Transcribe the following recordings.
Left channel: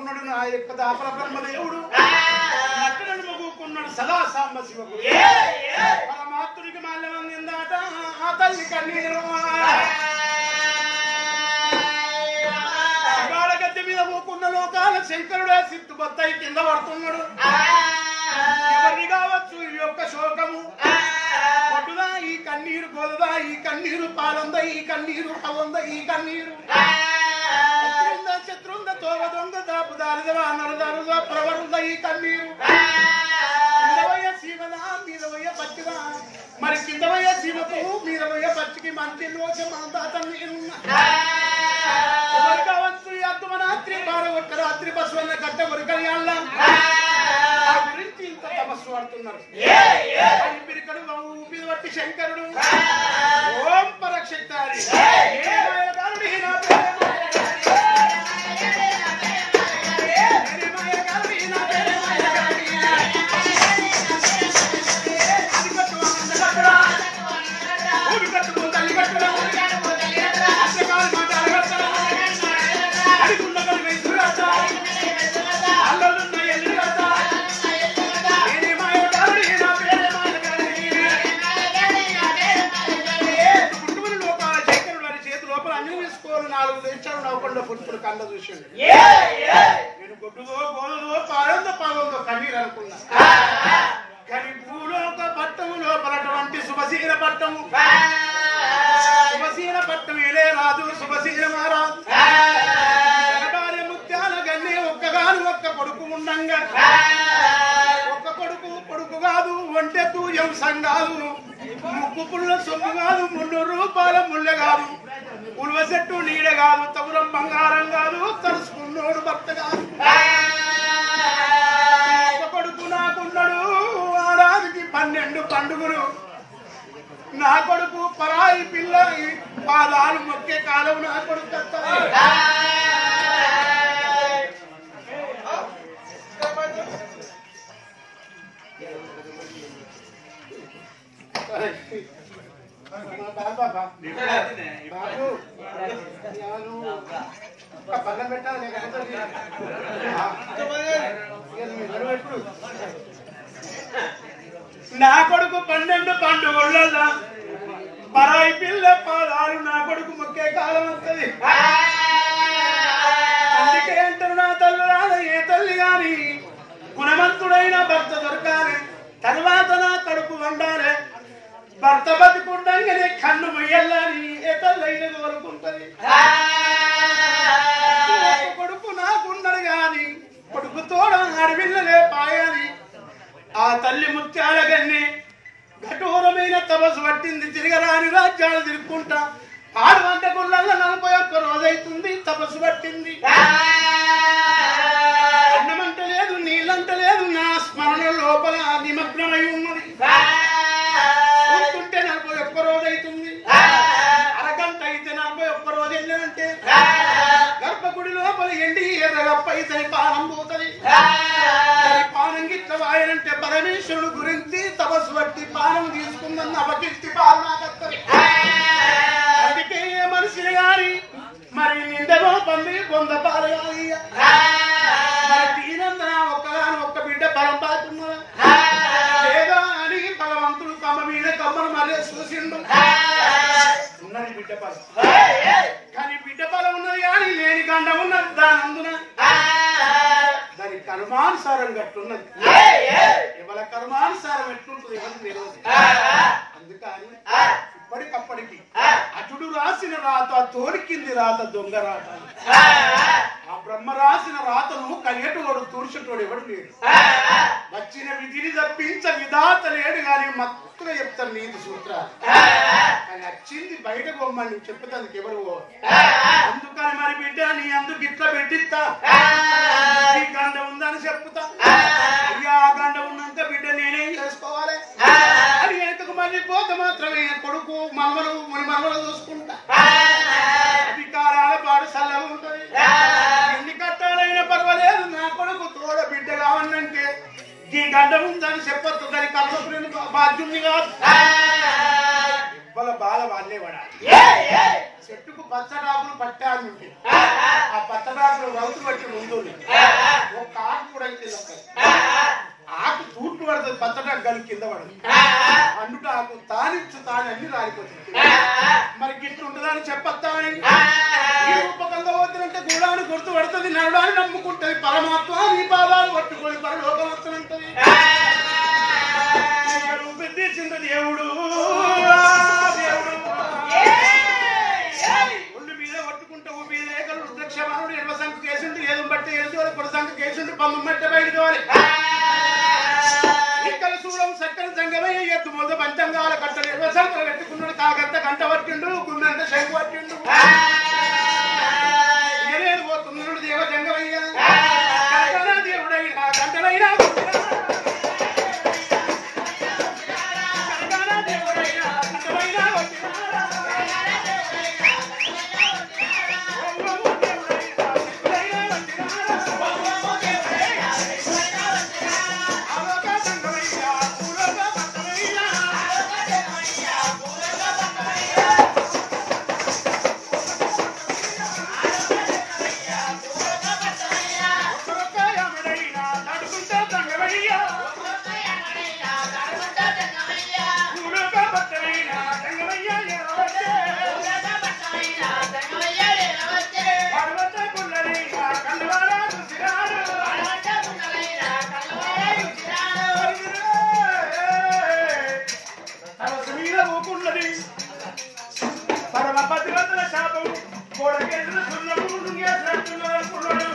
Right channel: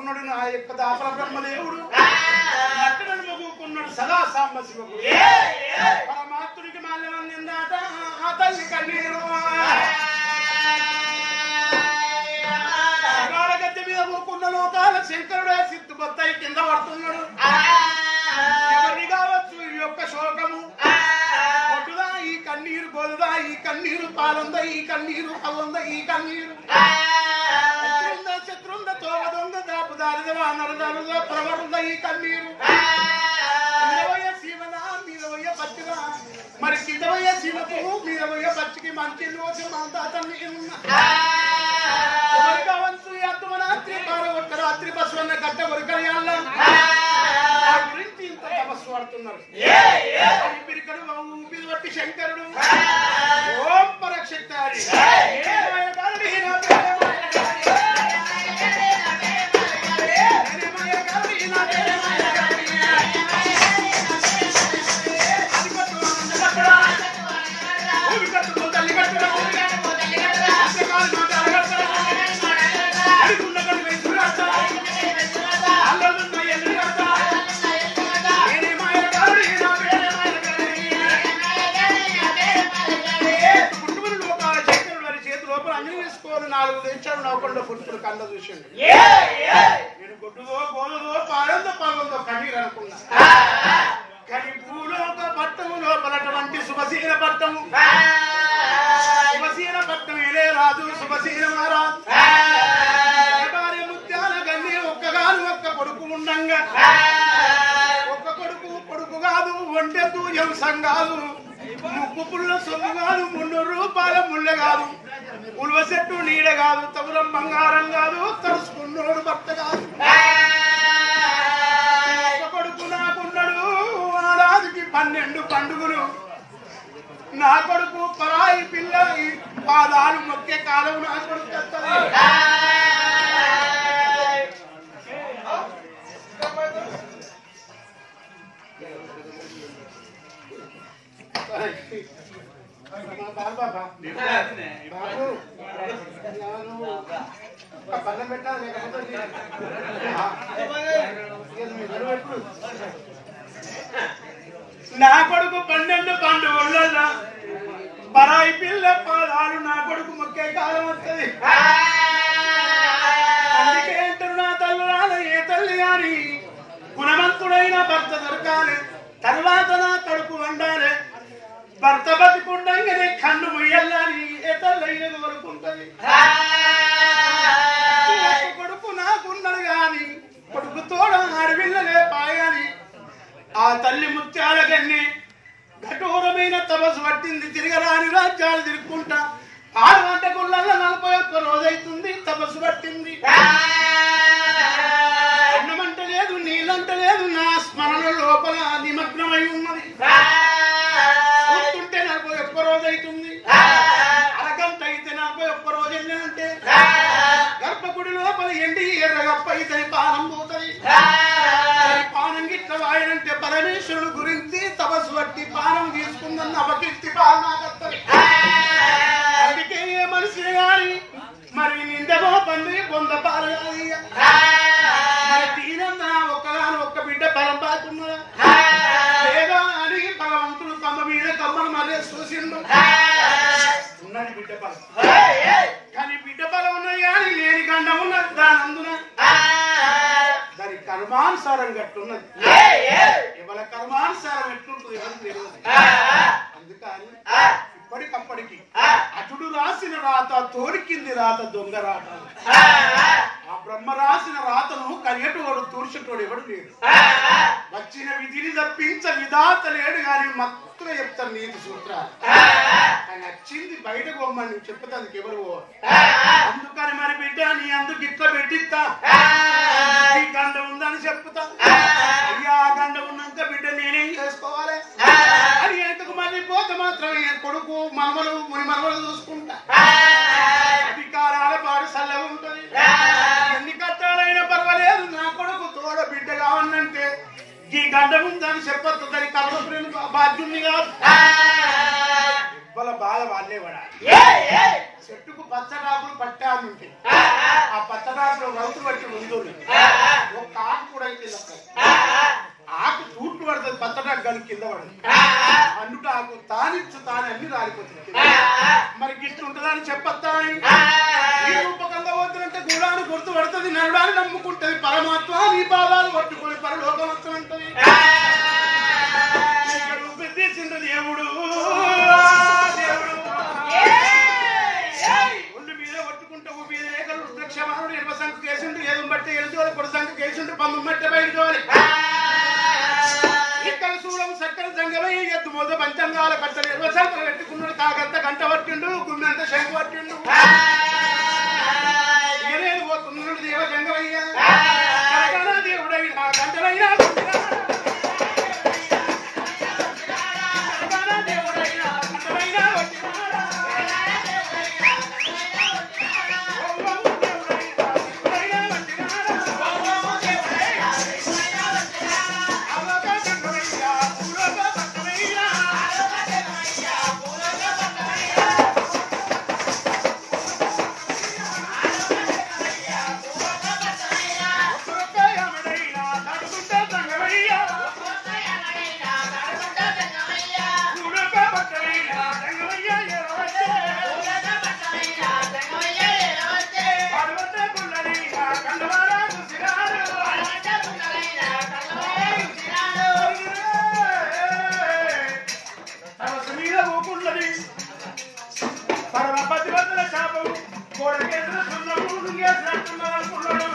కూకున్నాడు నా యొక్క దాపల బ్రహ్మదేవుడు అక్కడను కూకున్నాడు సదా సాంబ శివకు పరమాత్ముడికి మాల్యం అందిందాట ఆ తల్లి కన్నీరు శివాల గద్దె మీద కూకున్న లోకాల శంకరుడు సిత్తు బొత్తాయి కింద పడుతున్నాడు ఎవరిని కావచ్చు ఈ యొక్క శోకము కొట్టుదా ఈ కన్నీరు గోలుదా ఈ కన్నీరు పాలందా ఈ కన్నీరు పల్లందా ఈ కన్నీరు శత్రుంద తోవ దొంగ దాపు దారిదవా నరదారుదా ప్రవరుందా ఈ కన్నీరు కిందవయ్య సీమలా మీద పోయ పచ్చిగా మరి కిందవయ్య సీమకు మీద పోయ పచ్చికి మంచి లోచ మాందాత నీరున్నా ఎవరి కావచ్చు ఈ అర్థమరాత్రి బారగొట్ట రాత్రి బస్వన్న గట్ట కొరికయ్యాళ్ళ ఆ గురించి ఇంత తపస్సు పడుతున్నారు పిరికడు ఊపిది బట్టి శంకరుడు ఓం పరక్షక్తారి తల్లి కట్టు నాలుగు దేశాలు నవ్వకుండా పుట్టుడు కళ్ళ చూసిండు నేను గొడ్డుదో గోలుదో పాడందో పాగందో కన్నీరు అనుకున్నా కానీ భూలోక పట్టము లోపలటువంటి శుభశీల పట్టము శుభశీల పట్టం ఏలే రాదు శుభశీల మహారాజు భార్య ముత్యాల గన్ని ఒక్కగాను ఒక్క కొడుకు ఉండంగా ఒక్క కొడుకు కాదు ఒంటె తూయం సంఘాలు ముక్కు పుల్ల సొమ్ము కాదు 300 రూపాయల ముళ్ళె కాదు ఉల్వ చెట్టు నీడ కాదు తగురం బంగారం కాదు తరుచుకున్నోడు భర్త కాదు ఒక్క కొడుకు నాకున్నాడు ఆరాదికి 12 పండుగలు నా కొడుకు పరాయి పిల్ల పాదాలు మొక్కే కాలం నా కొడుకు వస్తుంది బాబు పళ్ళం పెట్టాలి లేకపోతే ఎప్పుడు నా కొడుకు 12 పండుగలలో పరాయి పిల్ల పాదాలు నా కొడుకు మొక్కే కాలం వస్తుంది అందుకే అంటారు నా తల్లురాల ఏ తల్లి గాని గుణవంతుడైన భర్త దొరకాలి తర్వాత నా కడుపు వండాలి భర్త బతికుండగానే కన్ను ముయ్యాలని ఏ తల్లైన కోరుకుంటది కొడుకు నాకున్నాడు గాని కొడుకు తోడ అడవిల్లలే పాయాలి ఆ తల్లి ముత్యాల గన్ని కఠోరమైన తపస్సు పట్టింది తిరగరాని రాజ్యాలు తిరుక్కుంటా 6 గంటకుళ్ళల్లో 41 రోజైతుంది తపస్సు పట్టింది అన్నమంట లేదు నీళ్ళంట లేదు నా స్మరణ లోపల నిమగ్నమై ఉన్నది కూర్చుంటే 41 రోజైతుంది అరగంట అయితే 41 రోజు వెళ్ళానంటే గర్భగుడి లోపల ఎండి ఎర్రగప్పైతే పానం పోతుంది పానం గిట్ల వాయనంటే పరమేశ్వరుడు గురించి తపస్సు బట్టి పానం తీసుకుందన్న అపకీర్తి పాలనాకత్తది అందుకే ఏ మనిషిని గాని మరి నిందగో పంది బొంద పాలు కాదు మరి దీనందన ఒక్కగాని ఒక్క బిడ్డ బలం పాతున్నదా లేదో అని భగవంతుడు కమ్మ మీద కమ్మను మరే చూసిండు ఉన్నది బిడ్డ బలం కానీ బిడ్డ బలం ఉన్నది కానీ లేని గండం ఉన్నది దాని అందున దాని కర్మానుసారం గట్లున్నది ఎవరి కర్మానుసారం ఎట్లుంటుంది ఎవరికి తెలియదు అందుకని ఇప్పటికప్పటికి అటుడు రాసిన రాత తోరికింది రాత దొంగ రాత ఆ బ్రహ్మ రాసిన రాతను కలియటోడు తూర్చటోడు ఎవడు లేడు వచ్చిన విధిని తప్పించ విధాత లేడు గాని మత్తుగా చెప్తాను నీతి సూత్రాలు ఆయన వచ్చింది బయటకు పోమ్మని నువ్వు చెప్పేందుకు ఎవరు అందుకని మరి బిడ్డ నీ అందుకు ఇట్లా పెట్టిస్తా ఈ గండ ఉందని చెప్తా అయ్యా ఆ గండ ఉన్నాక బిడ్డ నేనేం చేసుకోవాలి అని ఎంతకు మళ్ళీ పోతే మాత్రమే కొడుకు మనమలు ముని మనమలు చూసుకుంటా అధికారాల పాడు చల్లగా ఉంటది ఎన్ని కట్టాలైనా పర్వాలేదు నా కొడుకు తోడ బిడ్డ కావాలంటే ఈ గండ ఉందని చెప్పొద్దు దాని కర్మపురేను బాధ్యుని కాదు వాళ్ళ బాధ వాళ్ళే పడాలి. చెట్టుకు పచ్చడాకులు పట్టాలు ఉంటాయి. ఆ పచ్చడాకులు రౌతులు పట్టి ముందు ఒక ఆకు కూడా కింద ఆకు చూట్లు పడుతుంది, పచ్చడాకు కలిసి కింద పడదు. అండుట ఆకు తానిచ్చు తాని అన్ని రాలిపోతుంది. మరి గిట్లు ఉంటుందని చెప్పొద్దాని ఈ రూపకంగా పోతున్నంటే గూడాన్ని గుర్తు పడుతుంది, నరుడాన్ని నమ్ముకుంటది. పరమాత్మ నీ పాదాలు పట్టుకొని పరలోకం వస్తున్నది. తీర్చింది దేవుడు దేవుడు ఒళ్ళు మీద పట్టుకుంటూ మీద రేఖలు రుద్రక్షమానుడు ఎడవ సంఖ కేసుండు, ఏదో బట్టి ఎడుచోలి పొడి సంఖ కేసుండు, పంప మట్టి బయటోలి. ఇక్కడ చూడం చక్కర సంగమయ్య ఎద్దు మొద పంచంగాల కట్టలు ఎడవ సంఖలు కట్టుకున్నాడు. కాకంత గంట పట్టిండు, గుమ్మెంత శంకు పట్టిండు. ఏదేది పోతున్నాడు దేవ సంగమయ్య దేవుడైనా గంటలైనా పరమపతివంతుల శాపం గోడకేసిన సున్నడు లుంగేసినట్టున్నాడు అనుకున్నాడు.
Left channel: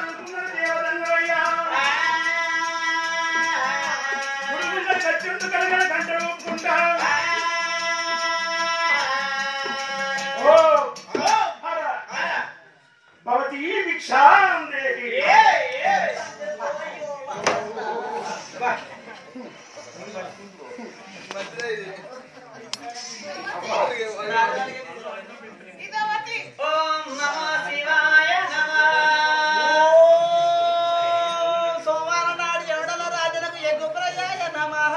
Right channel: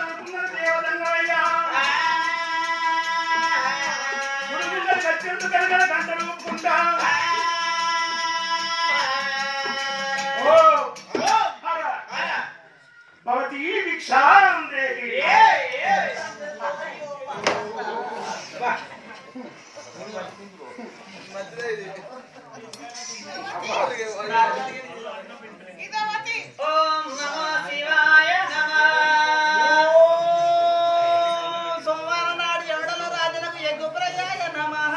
అనుకున్నాడు దేవదంగయ్యా గుడిగుండ కచ్చుండు కనుక గంటలు ఊపుకుంటా. ఓ భవతి భిక్షాం దేహి. ఓం నమో శివాయ నమః. సోమవారం నాడు ఎవడల రాజులకు ఎగ్గు ప్రజాయ నమః.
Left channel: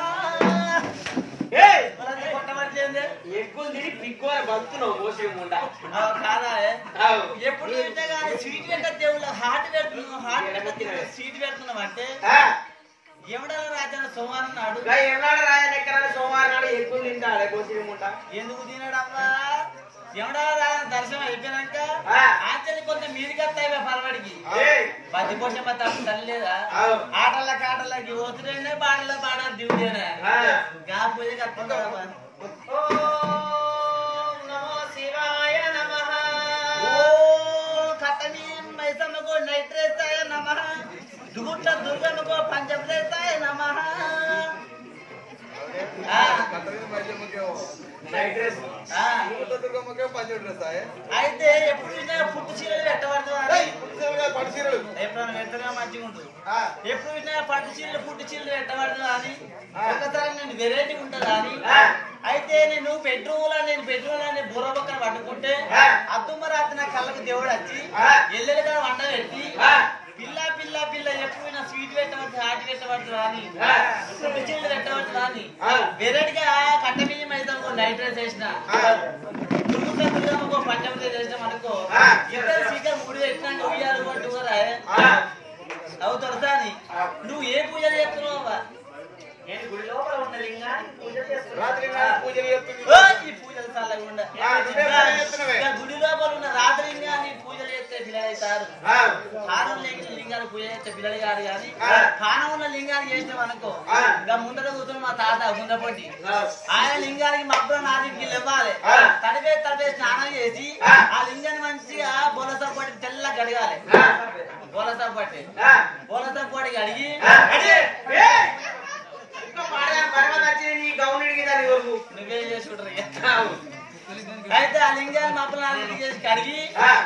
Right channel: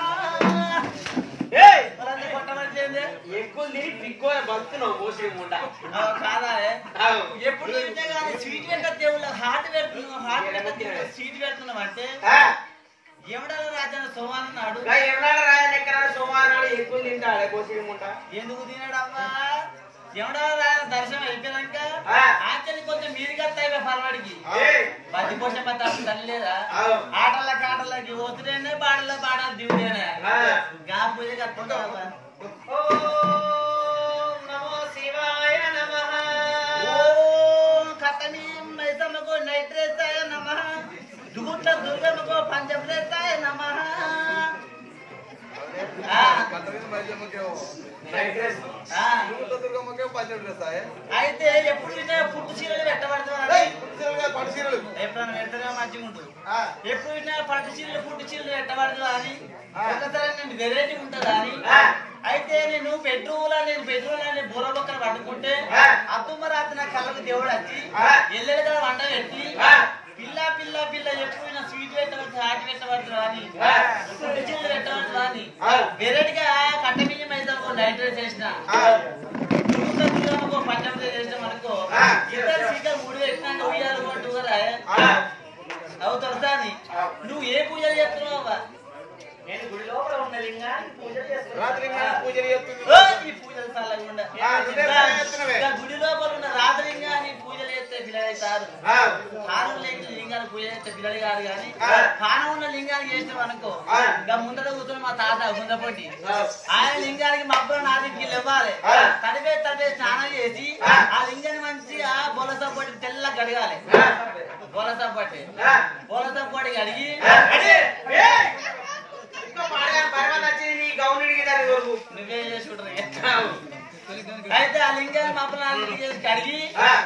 కొట్టబట్లేదు ఎగ్గులు తిని పిగ్గోర బతుకున్నావు మోసే ముండ కాదా? ఎప్పుడు తింటే కానీ స్వీట్ పెట్ట దేవుళ్ళ హార్ట్ పెడుతున్నావు, హార్ట్ స్వీట్ పెడుతున్నావు అంటే ఎవడాల రాజన సోమవారం నాడు ఎవడాల రాజన ఎక్కడ సోమవారం నాడు ఎక్కువ తింటాడే పోసిముంట. ఎందుకు తినడమ్మా? ఎవడాల రాజన దర్శనం అయిపోయినాక ఆచలి కొంచెం మీదికి వస్తాయి పలవాడికి పది పోషం తల్లి లేదా? ఆటలకి ఓతుడేనే బాడల్లో బాడాలి దిగుదేనా గా పూజకి వస్తుందా? ఓం నమో శివాయ నమః. ఓం కట్టని మైసమ్మకు నైట్రేస్తాయ నమః. దుగుట్ల దుర్గమ్మకు పంచప్రేస్తాయ నమః. అయితే ఎప్పుడు పుట్టు చీరలు పెట్టబడుతుంది, ఎప్పుడైనా పెడతాగా మంచిగా ఉంటు. ఎప్పుడు పట్టు చీరలు పుట్టు చీరలు పెట్టబడుతుందా అని ఒకసారి నేను వెరైటీ ఉంటుందా అని. అయితే నేను బెడ్రూమ్ బుర్ర పక్కన పట్టుకుంటే అద్దుమ్మ రాత్రి నా కళ్ళకు దేవుడు వచ్చి ఎల్లెలు కదా వంట పెట్టి పిల్ల పిల్ల పిల్ల ఎప్పుడు స్వీట్ పెట్టబడుతుంది, హాట్ పెట్టబడుతుంది అని, పుట్టు చీరలు పెట్టబడుతుంది అని వెరైటీగా కట్ట బియ్యం అయితే అనుకో నైట్ రైస్ వేసిన దుర్గమ్మకో పంచం చేసినాం అనుకో ఇద్దరు సీకర్ 3 పెట్టినాక ఉయ్యాలు అంటురా అవుతారు దాన్ని. నువ్వు ఏ పూజలు చేస్తున్నావు? నేను గుడి లోపల ఉన్న లింగానికి పూజలు చేస్తున్నాను. ఈ పూజలు చల్లకుండా గుడి లోపల ఉన్న రాత్రి లింగాన్ని పూజలు చేస్తే పిల్లలు అవుతారు. హారం లేని లింగాన్ని పూజ చేస్తే పిల్లలు కాదు. కానీ హానం ఉన్న లింగానికి చేసినాం అనుకో ఇంకా ముందర కూర్చొని మా తాత గుందపొట్టి ఆయన లింగానికి మబ్బులు 4కి ఇవ్వాలి. తడిపే స్నానం చేసి ఆ లింగాన్ని మంచిగా బొలస పట్టి తెల్ల కడగాలి. బొలస పట్టి కడిగి నువ్వే చేసి అయితే ఆ లింగాన్ని మబ్బులు చేసి కడిగి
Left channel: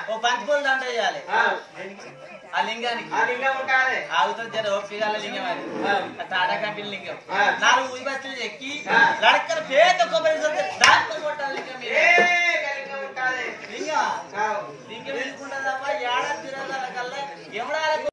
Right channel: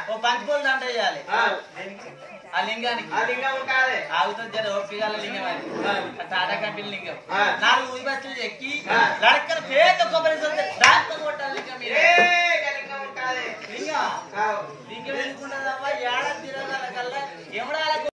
ఓ పంచిపూలు దండ వేయాలి ఆ లింగానికి. ఆగుతుంది జర ఓపికల లింగం అది టాటా కంపెనీ లింగం. 4 ఊరి బస్సులు ఎక్కి లడక్కల పేద కొబ్బరి దాంట్లో కొట్టాలి లింగం. లింగం లింగం ఎందుకుంటుందమ్మా?